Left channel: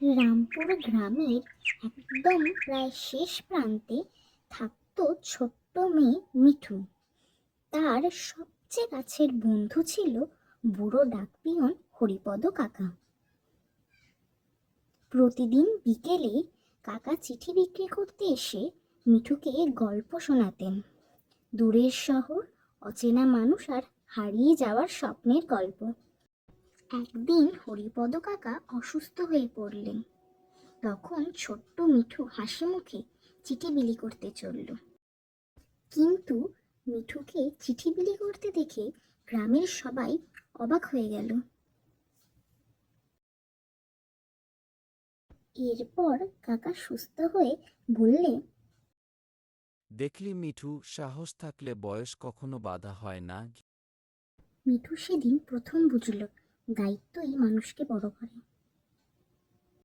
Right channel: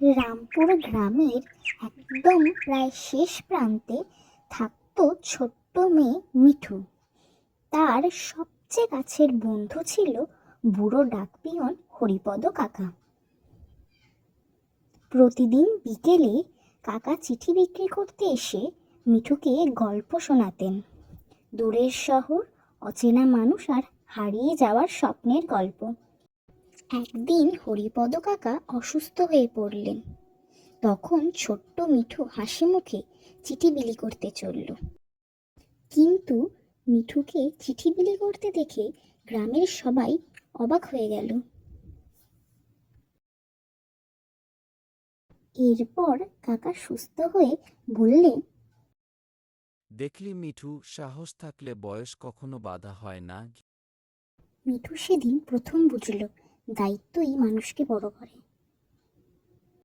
রামপুর গ্রামের একদম প্রায় শেষ প্রান্তে থাকতো ছোট্ট মেয়ে মিঠু। তার সবচেয়ে কাছের বন্ধু ছিল বুড়ো ডাকপিয়ন হরিপদ কাকা। প্রতিদিন বিকেলে কাকা চিঠি বিক্রি করতে এসে মিঠুকে গল্প শোনাতেন। দূরের শহর, অচেনা মানুষ আর হারিয়ে যাওয়ার স্বপ্নের গল্প। একদিন হরিপদ কাকা অসুস্থ হয়ে পড়লেন। তখন ছোট্ট মিঠু হাসি মুখে চিঠি বিলি করতে চলল। কিন্তু মিঠুকে চিঠি বিলি করতে দেখে গ্রামের সবাই অবাক হয়ে গেল। এরপর কাকা সুস্থ হয়ে বললেন, দেখলি মিঠু, সাহস থাকলে বয়স কখনো বাধা হয় না। মিঠু সেদিন প্রথম বুঝল দায়িত্বই মানুষকে বড় করে।